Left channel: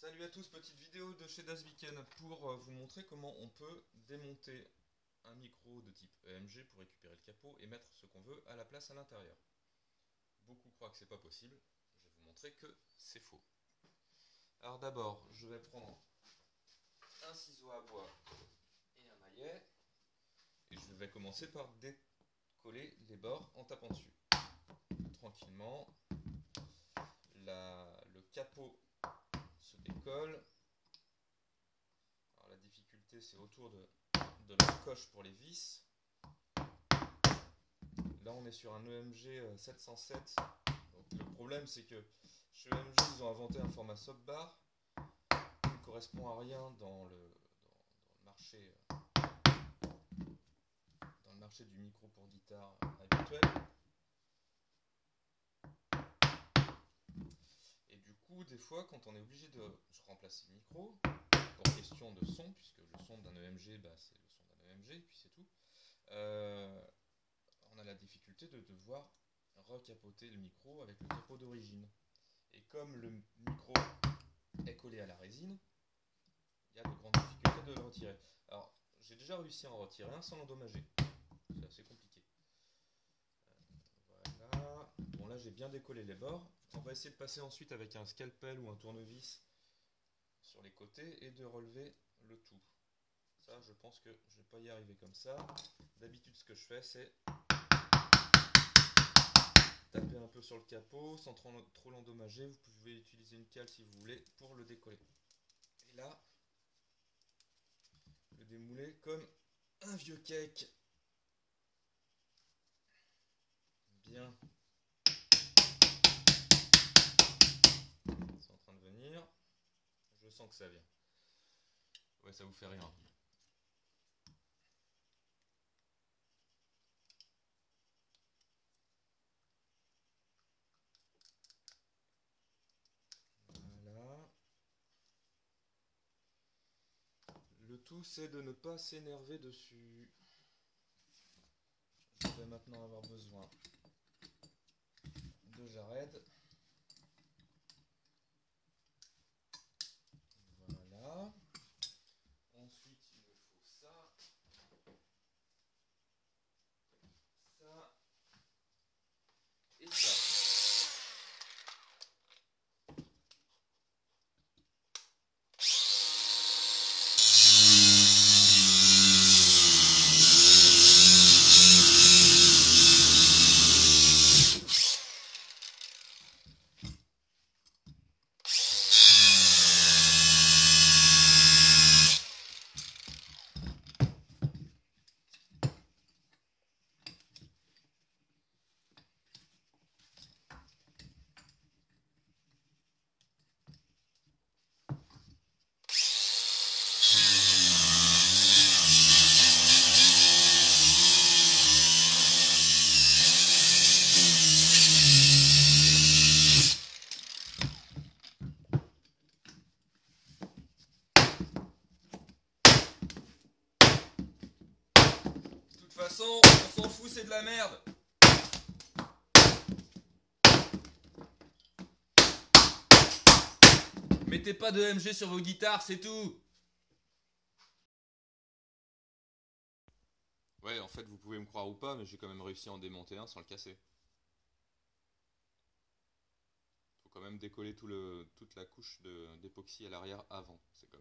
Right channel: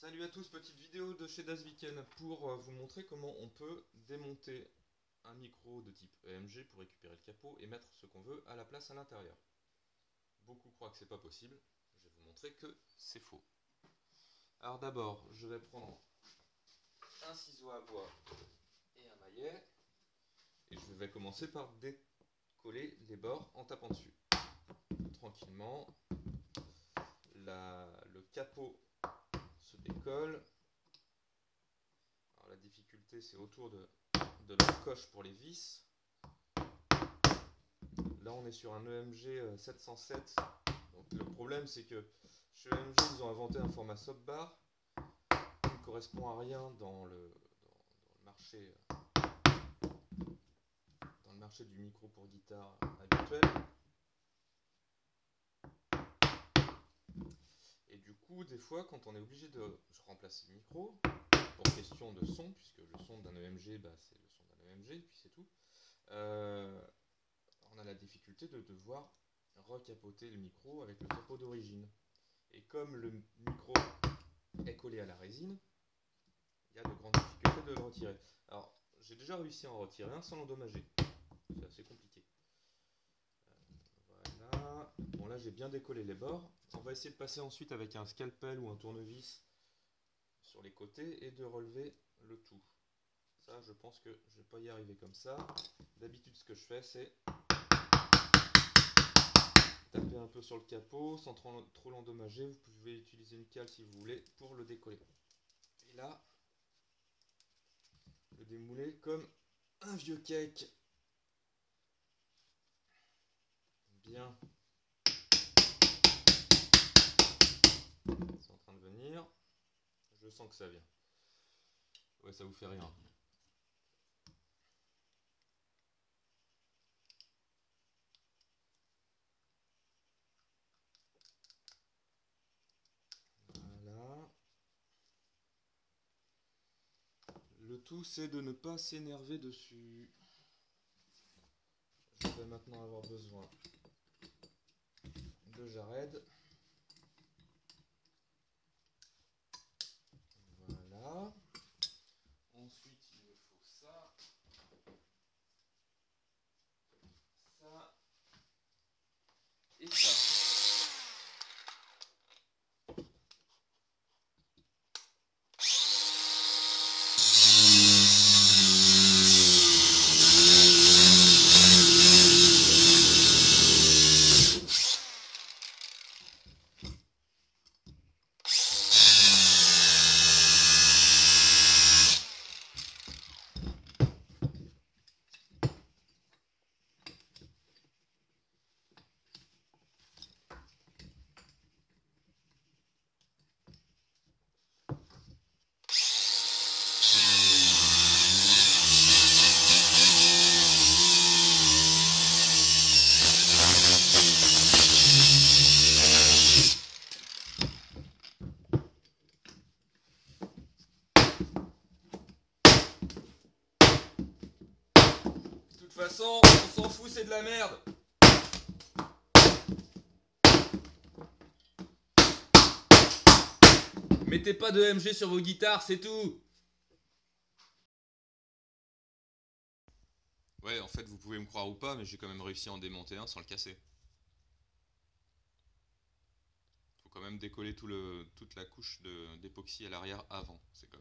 Salut à tous, petite vidéo de chez Dasviken pour vous montrer comment on peut démonter un micro de type EMG pour récupérer le capot et mettre ce qu'on veut à la place à l'intérieur. Beaucoup croient que c'est pas possible, je vais vous montrer que c'est faux. Alors d'abord, je vais prendre un ciseau à bois et un maillet et je vais commencer par décoller les bords en tapant dessus. Tranquillement, le capot se décolle. Alors la difficulté c'est autour de la coche pour les vis. Là on est sur un EMG 707. Donc le problème c'est que chez EMG ils ont inventé un format softbar qui ne correspond à rien dans le marché du micro pour guitare habituel. Et du coup des fois quand on est obligé de remplacer le micro pour question de son, puisque le son d'un EMG c'est le son d'un EMG et puis c'est tout, on a la difficulté de devoir recapoter le micro avec le capot d'origine. Et comme le micro est collé à la résine, il y a de grandes difficultés de le retirer. Alors, j'ai déjà réussi à en retirer un sans l'endommager. C'est assez compliqué. Voilà. Bon, là, j'ai bien décollé les bords. On va essayer de passer ensuite avec un scalpel ou un tournevis sur les côtés et de relever le tout. Ça, je pense que je ne vais pas y arriver comme ça. D'habitude, ce que je fais, c'est taper un peu sur le capot sans trop l'endommager. Vous pouvez utiliser une cale si vous voulez pour le décoller. Et là, le démouler comme un vieux cake. Bien. C'est en train de venir. Je sens que ça vient. Ouais, ça vous fait rien. Voilà. Le tout, c'est de ne pas s'énerver dessus. Je vais maintenant avoir besoin de Jared. Voilà. Ensuite, il me faut ça. Ça. Et ça. De toute façon, on s'en fout, c'est de la merde. Mettez pas de EMG sur vos guitares, c'est tout. Ouais, en fait, vous pouvez me croire ou pas, mais j'ai quand même réussi à en démonter un sans le casser. Faut quand même décoller toute la couche d'époxy à l'arrière avant. C'est quand